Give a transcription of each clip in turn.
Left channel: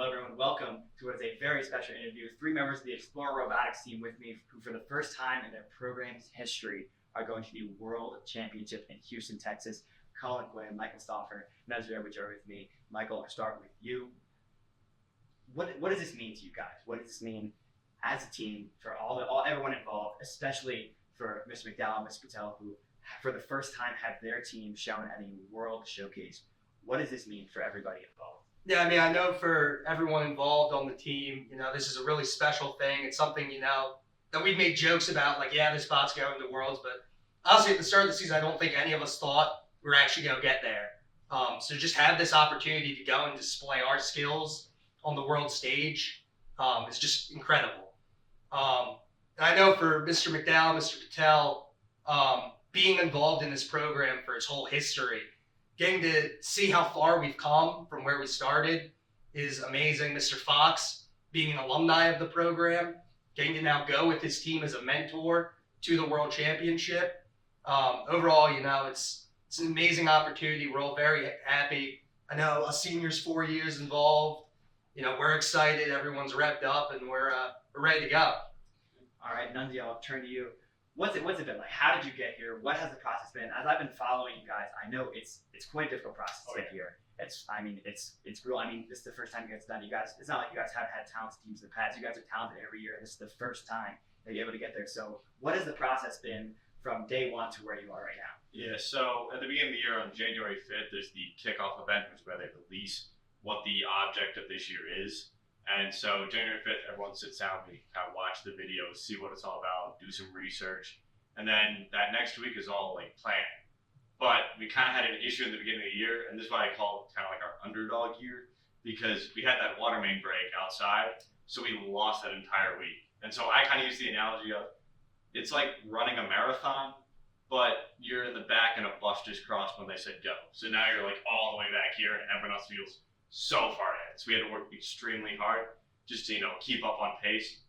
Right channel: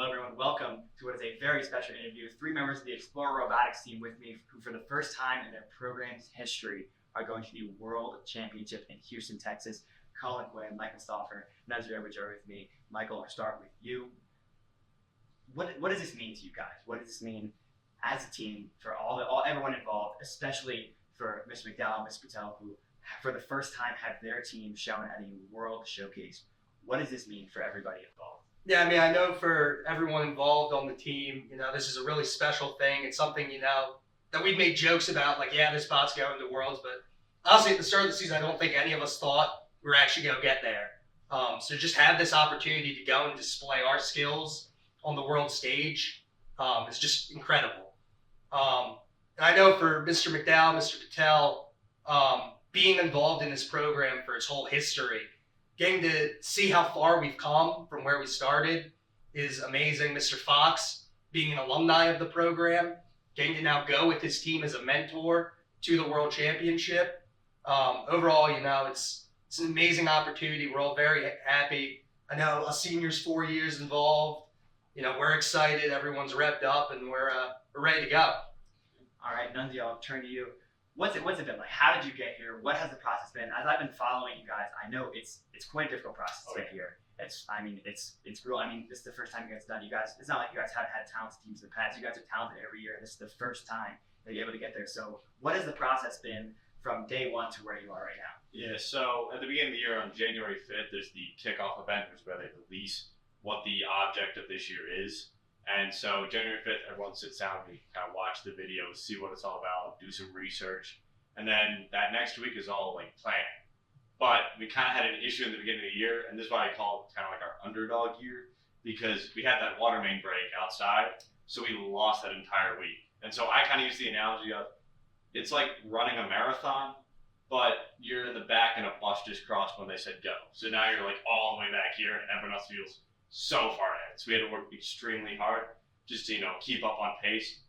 Hello, everyone. Welcome to what is a very special interview. 3 members of the Explorer Robotics team with me, who for the first time in their program's history are going to the World Championship in Houston, Texas. Colin Quinn, Michael Stauffer, Nazir with me. Michael, I'll start with you. What does this mean to you guys? What does this mean as a team for everyone involved, especially for Mr. McDowell and Mr. Patel, who for the first time have their team shown at a World Showcase? What does this mean for everybody involved? Yeah, I mean, I know for everyone involved on the team, this is a really special thing. It's something, that we've made jokes about, like, yeah, this spot's going to Worlds, but honestly, at the start of the season, I don't think any of us thought we were actually going to get there. So just have this opportunity to go and display our skills on the world stage is just incredible. And I know for Mr. McDowell, Mr. Patel, being involved in this program for its whole history, getting to see how far we've come from where we started is amazing. Mr. Fox, being an alumni of the program, getting to now go with his team as a mentor to the World Championship. Overall, it's an amazing opportunity. We're all very happy. I know us seniors, 4 years involved. We're excited. Everyone's revved up, and we're ready to go. All right, Nunzio, I'll turn to you. What's it been like? How did you get here? What has the process been? As I've been following you guys, I know it's quite a difficult process to get here. It's real. I mean, this is the first time you guys done. You guys, it's not like you guys haven't had talented teams in the past. You guys are talented every year. This is the first time that you're able to get there. So, what has the process been from day one to where you are right now? Yeah, so at the beginning of the year, on January 5th, there's the kickoff event, which is where they release what the object of this year is. And so January 5th, everyone sits down, we kind of watch the videos, see what it's all about, do some research. And then that next week is all like planning. But we kind of had an issue in the beginning of the year, and this is why I call it kind of like our underdog year, because we had that water main break outside, so we lost that entire week. And so I kind of use the analogy of, it's like running a marathon, but you're in the back and a bus just crossed when they said go. So now you're like all the way back here, and everyone else feels so far ahead. So we had to work extremely hard just to, keep up on pace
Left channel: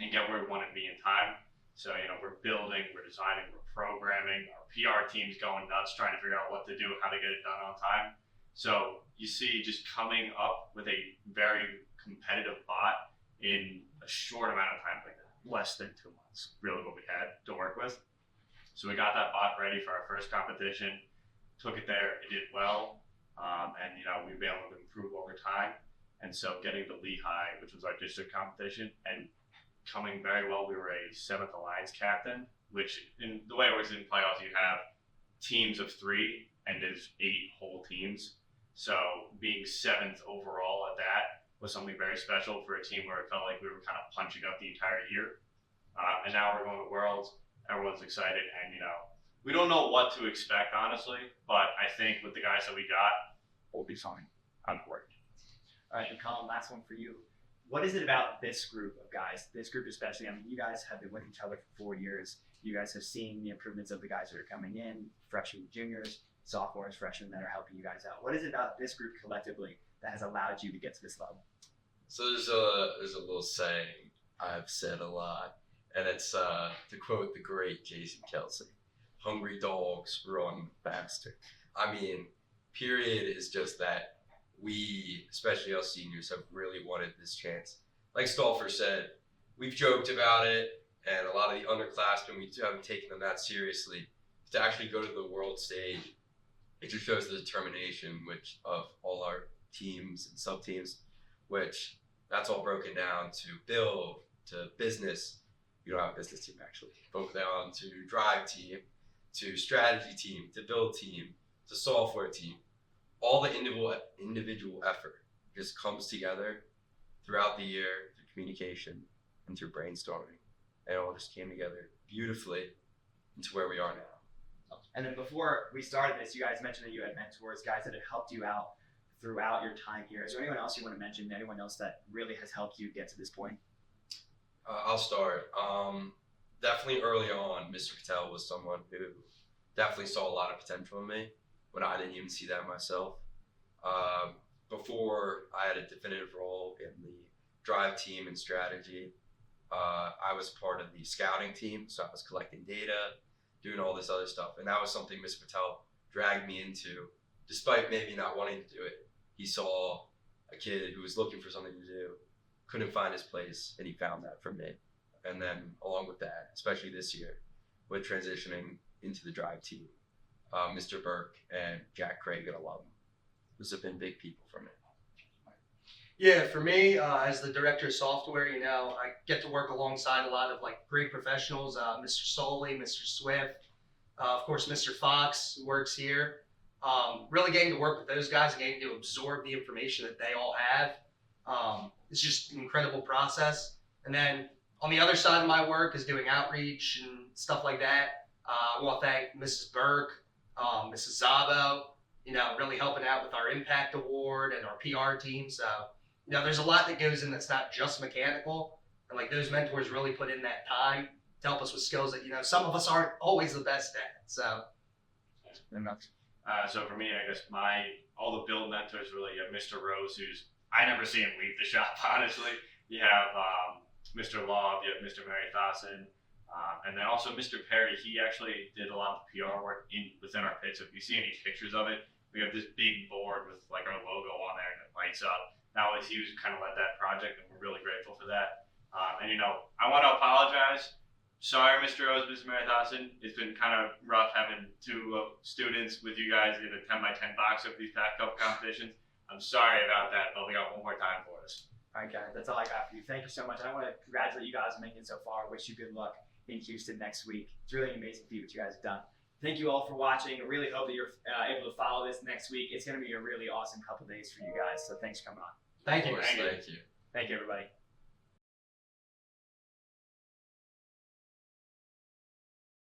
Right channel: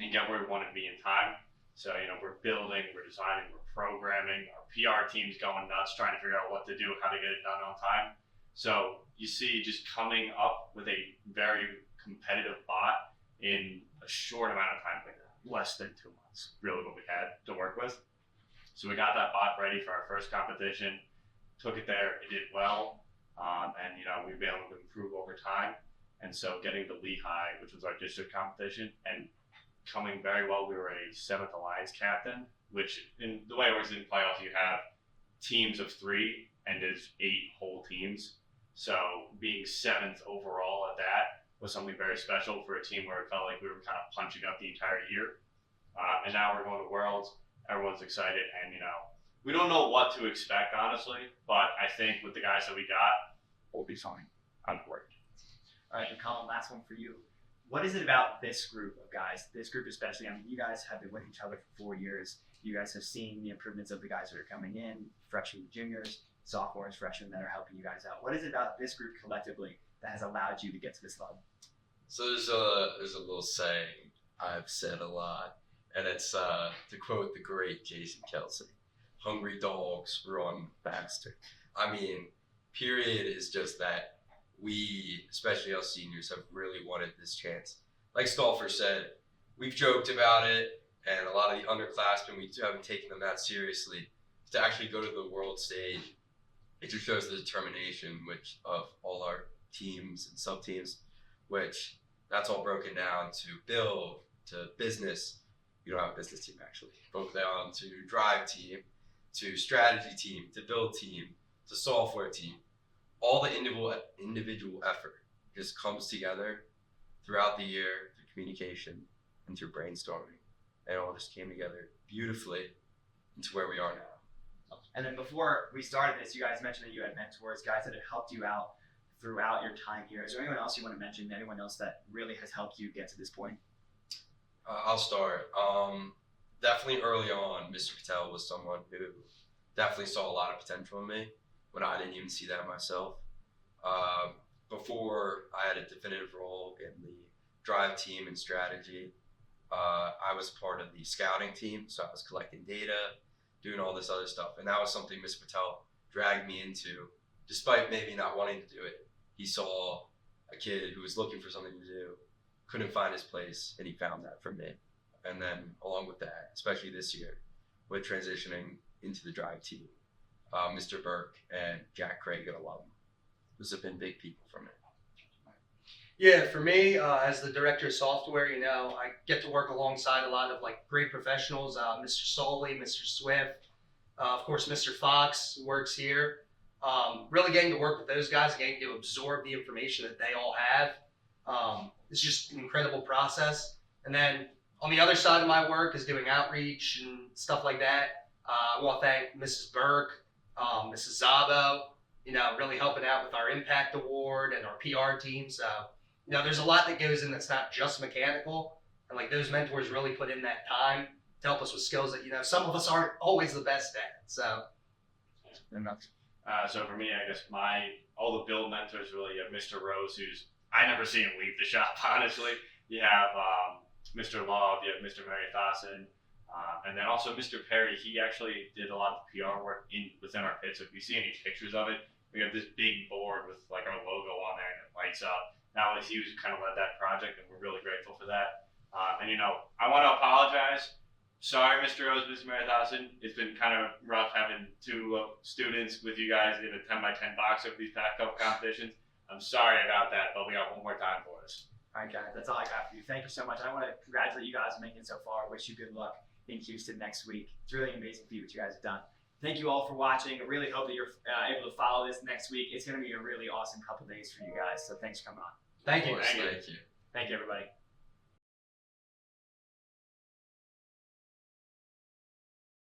and get where we want to be in time. So, we're building, we're designing, we're programming, our PR team's going nuts trying to figure out what to do, how to get it done on time. So you see just coming up with a very competitive bot in a short amount of time, like less than 2 months, really what we had to work with. So we got that bot ready for our first competition, took it there, it did well. And we've been able to improve over time. And so getting to Lehigh, which was our district competition, and coming very well, we were a 7th Alliance captain, which in the way it works in playoffs, you have teams of 3 and there's 8 whole teams. So being 7th overall at that was something very special for a team where it felt like we were kind of punching up the entire year. And now we're going to Worlds, everyone's excited, and we don't know what to expect, honestly, but I think with the guys that we got, we'll be fine on board. All right, and Colin, last one for you. What is it about this group of guys, this group especially? I mean, you guys have been with each other for 4 years. You guys have seen the improvements of the guys that are coming in, freshmen, juniors, sophomores, freshmen that are helping you guys out. What is it about this group collectively that has allowed you to get to this level? So there's a little saying I've said a lot, and it's to quote the great Jason Kelsey, "Hungry dogs run faster." I mean, period is just that. We, especially us seniors, have really wanted this chance. Like Stauffer said, we've joked about it, and a lot of the underclassmen, we haven't taken them that seriously. To actually go to the world stage, it just shows the determination of all our teams and sub-teams, which that's all broken down to build, to business. You don't have a business team, actually. Broken down to drive team, to strategy team, to build team, to software team. All the individual effort just comes together throughout the year through communication and through brainstorming. And it all just came together beautifully into where we are now. And then before we started this, you guys mentioned that you had mentors, guys that have helped you out throughout your time here. Is there anyone else you want to mention, anyone else that really has helped you get to this point? I'll start. Definitely early on, Mr. Patel was someone who definitely saw a lot of potential in me when I didn't even see that myself. Before I had a definitive role in the drive team and strategy, I was part of the scouting team, so I was collecting data, doing all this other stuff, and that was something Mr. Patel dragged me into, despite maybe not wanting to do it. He saw a kid who was looking for something to do, couldn't find his place, and he found that for me. And then along with that, especially this year, with transitioning into the drive team, Mr. Burke and Jack Craig, an alum, those have been big people for me. Yeah, for me, as the director of software, I get to work alongside a lot of like great professionals, Mr. Soley, Mr. Swift, of course, Mr. Fox works here. Really getting to work with those guys and getting to absorb the information that they all have. It's just an incredible process. And then on the other side of my work is doing outreach and stuff like that. I want to thank Mrs. Burke, Mrs. Zabo, really helping out with our Impact Award and our PR team. So, there's a lot that goes in that's not just mechanical. And like those mentors really put in that time to help us with skills that, some of us aren't always the best at. So, So for me, I guess all the build mentors really, you have Mr. Rose, I never see him leave the shop, honestly. You have Mr. Law, you have Mr. Mary Thawson, and then also Mr. Perry. He actually did a lot of PR work within our pit. So if you see any pictures of it, we have this big board with like our logo on there and it lights up. That was he was kind of led that project, and we're really grateful for that. And I want to apologize. Sorry, Mr. Rose, Mr. Mary Thawson. It's been kind of rough having two students with you guys in a 10x10 box of these past couple competitions. I'm sorry about that, but we got one more time for us. All right, guys, that's all I got for you. Thank you so much. I want to congratulate you guys on making it so far. Wish you good luck in Houston next week. It's really amazing to see what you guys have done. Thank you all for watching. I really hope that you're able to follow this next week. It's going to be a really awesome couple days for you guys. So thanks for coming on. thank you. Of course, thank you. Thank you, everybody.